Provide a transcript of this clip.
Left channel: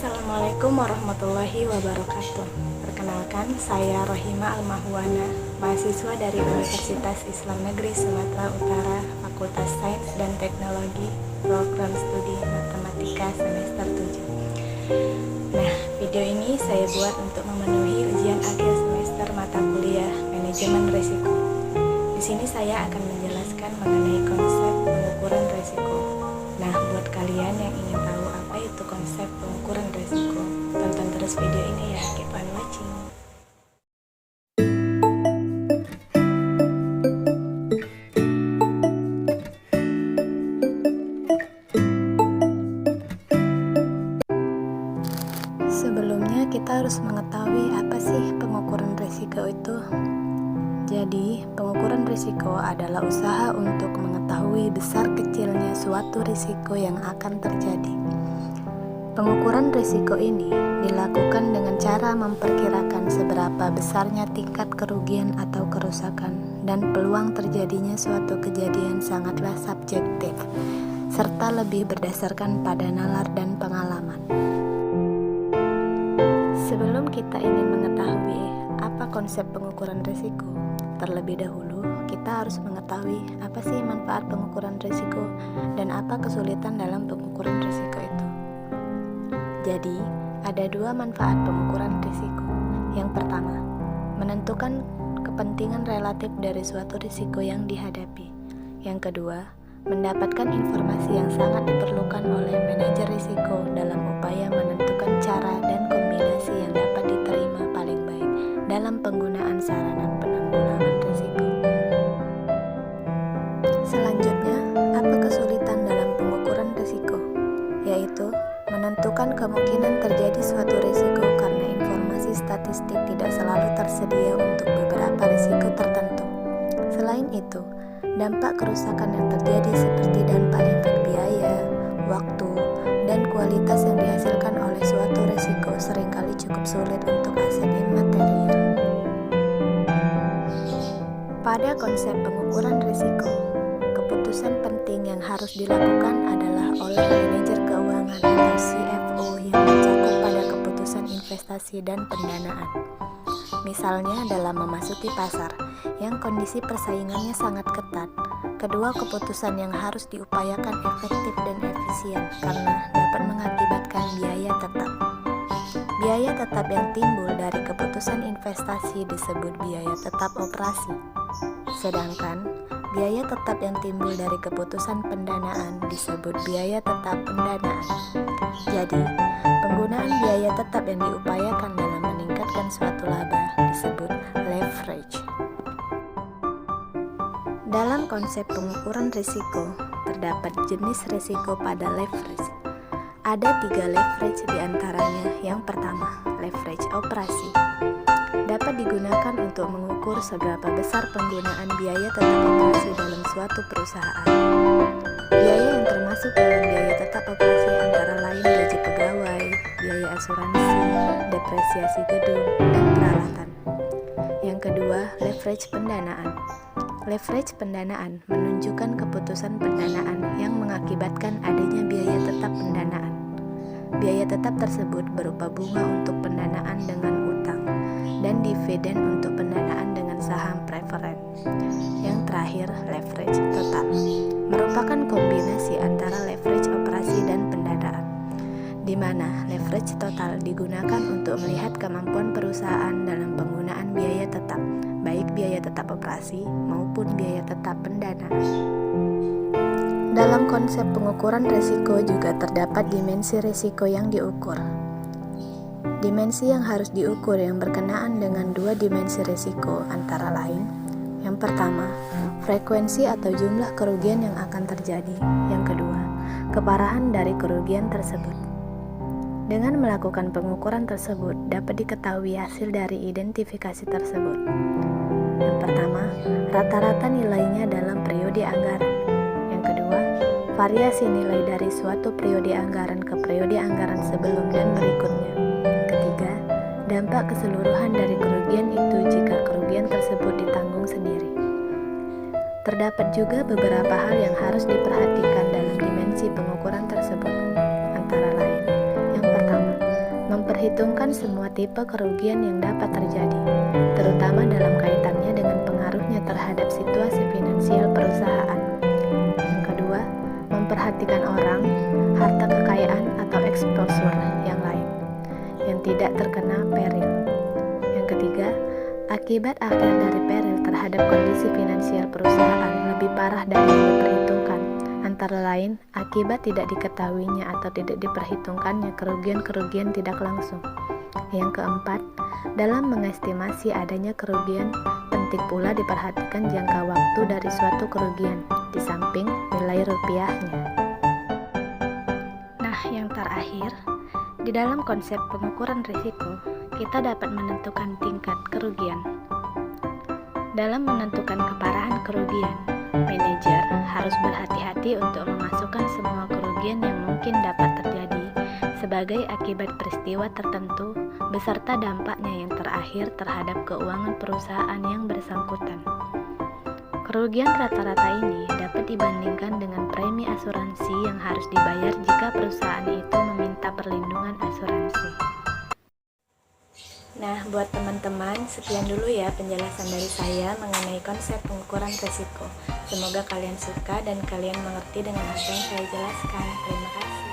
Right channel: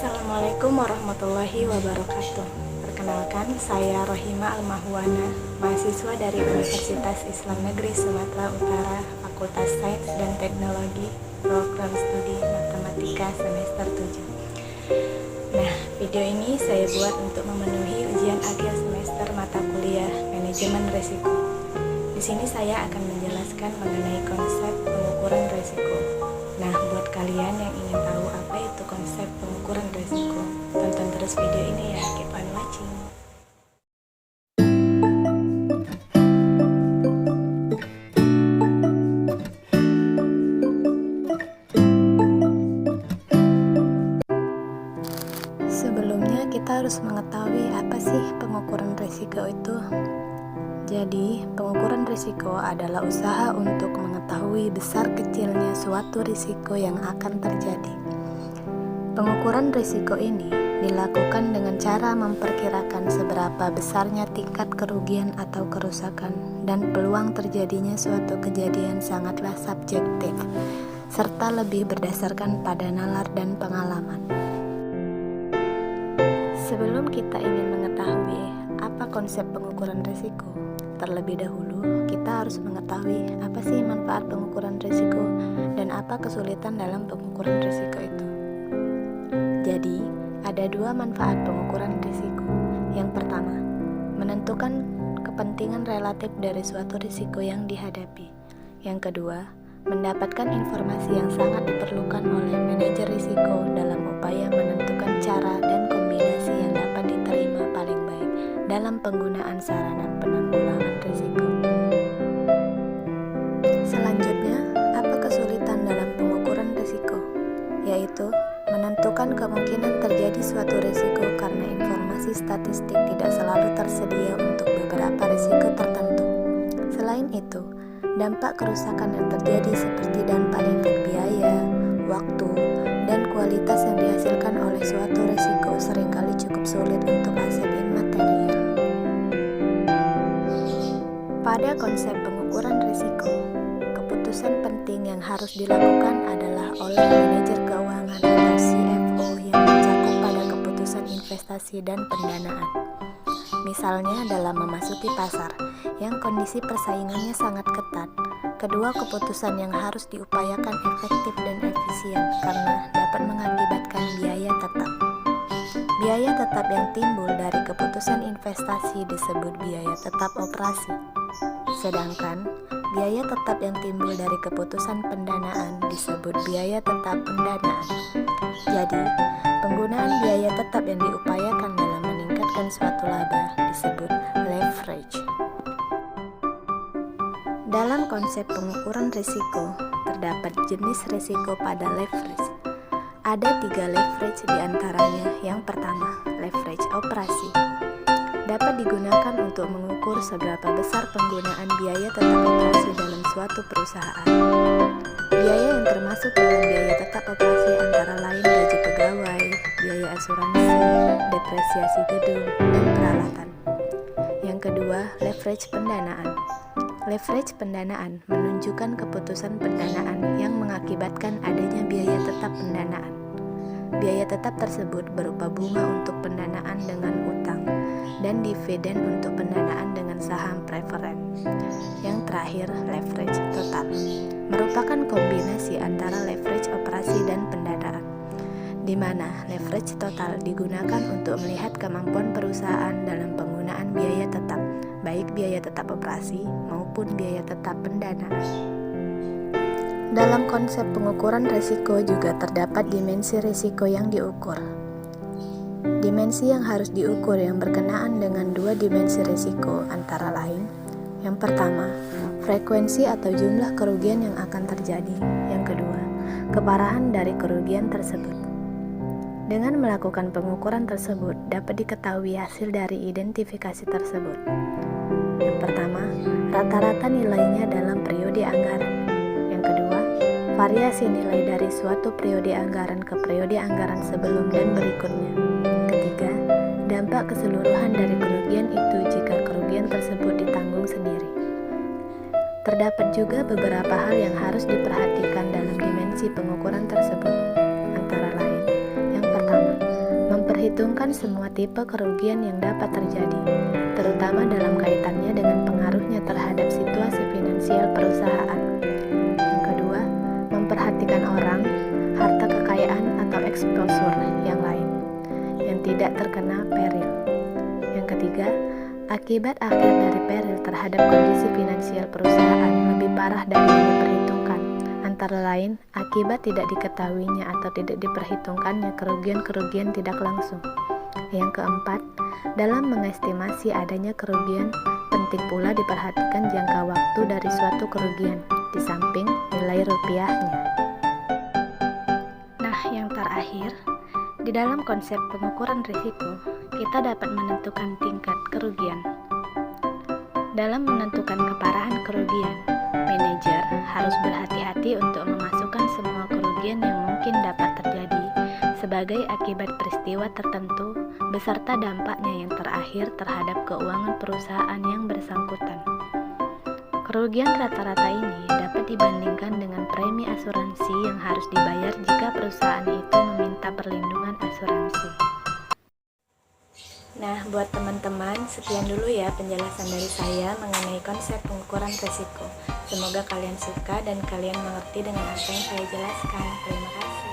Assalamualaikum warahmatullahi wabarakatuh. Perkenalkan, saya Rohima Almahwana, mahasiswa dari Universitas Islam Negeri Sumatera Utara, Fakultas Sains dan Teknologi, Program Studi Matematika semester 7. Nah, video ini saya buat untuk memenuhi ujian akhir semester mata kuliah Manajemen Risiko. Di sini saya akan menjelaskan mengenai konsep pengukuran risiko. Nah, buat kalian yang ingin tahu apa itu konsep pengukuran risiko, tonton terus video ini ya, keep on watching. Sebelumnya kita harus mengetahui apa sih pengukuran risiko itu. Jadi, pengukuran risiko adalah usaha untuk mengetahui besar kecilnya suatu risiko yang akan terjadi. Pengukuran risiko ini dilakukan dengan cara memperkirakan seberapa besarnya tingkat kerugian atau kerusakan dan peluang terjadinya suatu kejadian sangatlah subjektif, serta lebih berdasarkan pada nalar dan pengalaman. Sebelum kita ingin mengetahui apa konsep pengukuran risiko, terlebih dahulu, kita harus mengetahui apa sih manfaat pengukuran risiko dan apa kesulitan dalam pengukuran risiko itu. Jadi, ada dua manfaat pengukuran risiko. Yang pertama, menentukan kepentingan relatif dari suatu risiko yang dihadapi. Yang kedua, mendapatkan informasi yang sangat diperlukan oleh manajer risiko dalam upaya menentukan cara dan kombinasi yang dapat diterima paling baik dalam penggunaan sarana penanggulangan risiko. Selanjutnya, apa kesulitan dalam pengukuran risiko? Yaitu menentukan kemungkinan terjadi suatu risiko karena informasi statistik tidak selalu tersedia untuk beberapa risiko tertentu. Selain itu, dampak kerusakan yang terjadi seperti dampak efek biaya, waktu, dan kualitas yang dihasilkan oleh suatu risiko seringkali cukup sulit untuk aset imaterial. Pada konsep pengukuran risiko, keputusan penting yang harus dilakukan adalah oleh manajer keuangan atau CFO yang mencakup pada keputusan investasi dan pendanaan. Misalnya dalam memasuki pasar yang kondisi persaingannya sangat ketat, kedua keputusan yang harus diupayakan efektif dan efisien karena dapat mengakibatkan biaya tetap. Biaya tetap yang timbul dari keputusan investasi disebut biaya tetap operasi. Sedangkan biaya tetap yang timbul dari keputusan pendanaan disebut biaya tetap pendanaan. Jadi, penggunaan biaya tetap yang diupayakan dalam meningkatkan suatu laba disebut leverage. Dalam konsep pengukuran risiko, terdapat jenis risiko pada leverage. Ada 3 leverage diantaranya. Yang pertama, leverage operasi. Dapat digunakan untuk mengukur seberapa besar penggunaan biaya tetap operasi dalam suatu perusahaan. Biaya yang termasuk dalam biaya tetap operasi antara lain gaji pegawai, biaya asuransi, depresiasi gedung, dan peralatan. Yang kedua, leverage pendanaan. Leverage pendanaan menunjukkan keputusan pendanaan yang mengakibatkan adanya biaya tetap pendanaan. Biaya tetap tersebut berupa bunga untuk pendanaan dengan utang dan dividen untuk pendanaan dengan saham preferen. Yang terakhir, leverage total merupakan kombinasi antara leverage operasi dan pendanaan, di mana leverage total digunakan untuk melihat kemampuan perusahaan dalam penggunaan biaya tetap, baik biaya tetap operasi maupun biaya tetap pendanaan. Dalam konsep pengukuran risiko juga terdapat dimensi risiko yang diukur. Dimensi yang harus diukur yang berkenaan dengan dua dimensi risiko antara lain: yang pertama, frekuensi atau jumlah kerugian yang akan terjadi. Yang kedua, keparahan dari kerugian tersebut. Dengan melakukan pengukuran tersebut, dapat diketahui hasil dari identifikasi tersebut. Yang pertama, rata-rata nilainya dalam periode anggaran. Yang kedua, variasi nilai dari suatu periode anggaran ke periode anggaran sebelum dan berikutnya. Ketiga, dampak keseluruhan dari kerugian itu jika kerugian tersebut ditanggung sendiri. Terdapat juga beberapa hal yang harus diperhatikan dalam dimensi pengukuran tersebut, antara lain: yang pertama, memperhitungkan semua tipe kerugian yang dapat terjadi, terutama dalam kaitannya dengan pengaruhnya terhadap situasi finansial perusahaan. Yang kedua, memperhatikan orang, harta kekayaan atau exposure yang lain yang tidak terkena peril. Yang ketiga, akibat akhir dari peril terhadap kondisi finansial perusahaan lebih parah dari yang diperhitungkan, antara lain akibat tidak diketahuinya atau tidak diperhitungkannya kerugian-kerugian tidak langsung. Yang keempat, dalam mengestimasi adanya kerugian, penting pula diperhatikan jangka waktu dari suatu kerugian, di samping nilai rupiahnya. Nah, yang terakhir, di dalam konsep pengukuran risiko, kita dapat menentukan tingkat kerugian. Dalam menentukan keparahan kerugian, manajer harus berhati-hati untuk memasukkan semua kerugian yang mungkin dapat terjadi sebagai akibat peristiwa tertentu beserta dampaknya yang terakhir terhadap keuangan perusahaan yang bersangkutan. Kerugian rata-rata ini dapat dibandingkan dengan premi asuransi yang harus dibayar jika perusahaan itu meminta perlindungan asuransi. Nah, buat teman-teman, sekian dulu ya penjelasan dari saya mengenai konsep pengukuran risiko. Semoga kalian suka dan kalian mengerti dengan apa yang saya jelaskan. Terima kasih.